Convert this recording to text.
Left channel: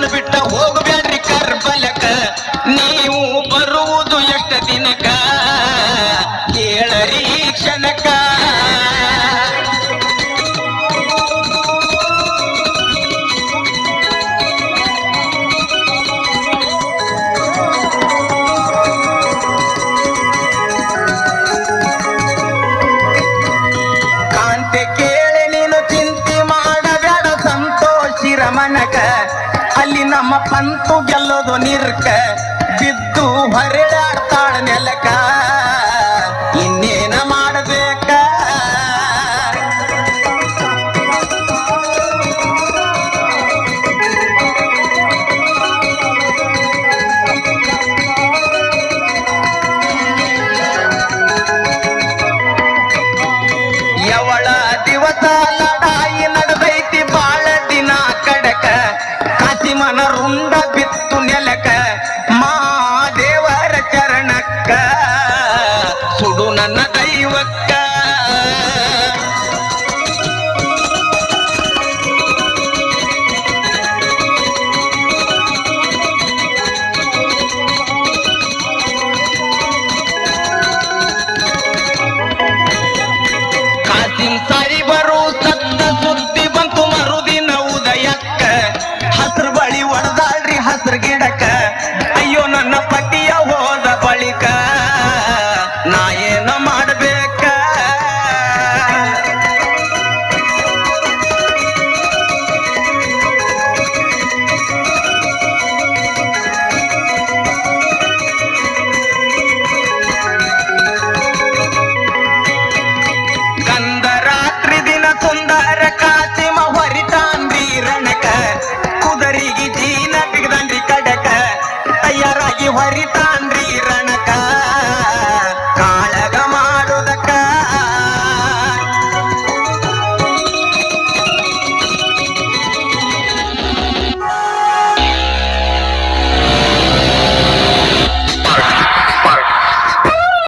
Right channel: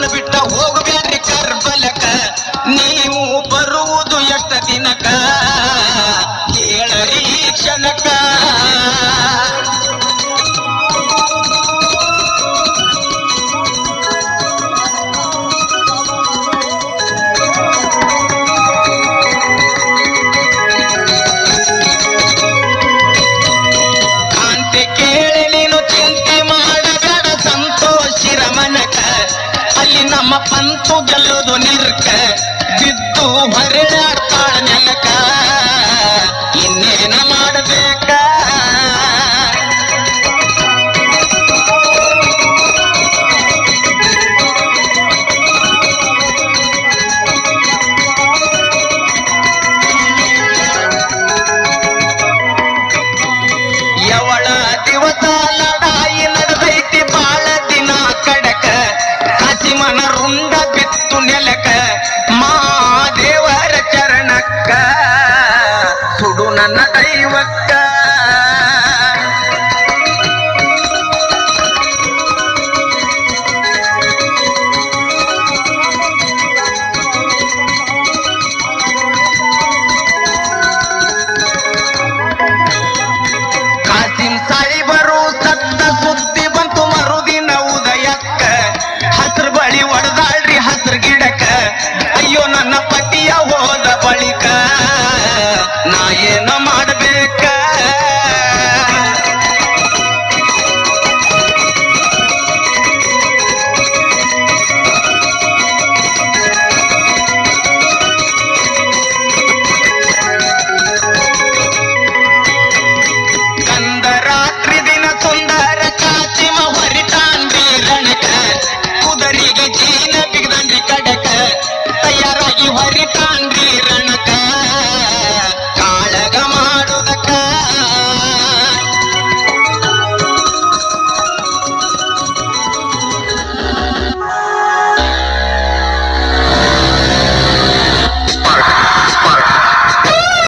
ನಮ್ಮನ ಬಿಟ್ಟ ಹೋಗಬ್ಯಾಡ್ರಿ ಕರ್ಬಲಕ ನೀವು ಬರುವುದು ಎಷ್ಟ ದಿನಕ ಕೇಳರಿ ಕ್ಷಣಕ ಅಲ್ಲಿ ನಮ್ಮ ಪಂತು ಗೆಲ್ಲೋದು ನಿರ್ಕ ಬಿದ್ದು ಹೊರಡಾಡ್ತಾಳ ನೆಲಕ ಇನ್ನೇನ ಮಾಡಬೇಕ ಯವಳ ದಿವಸ ಲಡಾಯಿ ನಡೆದೈತಿ ಬಾಳ ದಿನ ಕಡಕ ಮನ ರುಂಡ ಬಿತ್ತು ನೆಲಕ ಮಾದೇವರ ಚರಣಕ್ಕ ಸುಡು ನನ್ನ ದೈವಕ್ಕ ಕಾಸಿಂ ಸಾಯಿಬರು ಸತ್ತ ಸುದ್ದಿ ಬಂತು ಮರುದಿನ ಉದಯಕ್ಕ ಹಸ್ರು ಬಳಿ ಒಡದಾಳ್ರಿ ಹಸ್ರು ಗಿಡಕ ಅಯ್ಯೋ ನನ್ನ ಪತಿಯ ಹೋದ ಬಳಿಕ ನಾ ಏನ ಮಾಡಬೇಕ ಕಂದ ರಾತ್ರಿ ದಿನ ಸುಂದರ ಕಾಚಿಮ ಹೊರಿತಾನ್ರಿ ರಣಕ ಕುದರಿಗೆ ಜೀನ ಬಿಗದನ್ರಿ ಕಡಕ ತಯಾರಾಗಿ ಹೊರಿತಾನ್ರಿ ರಣ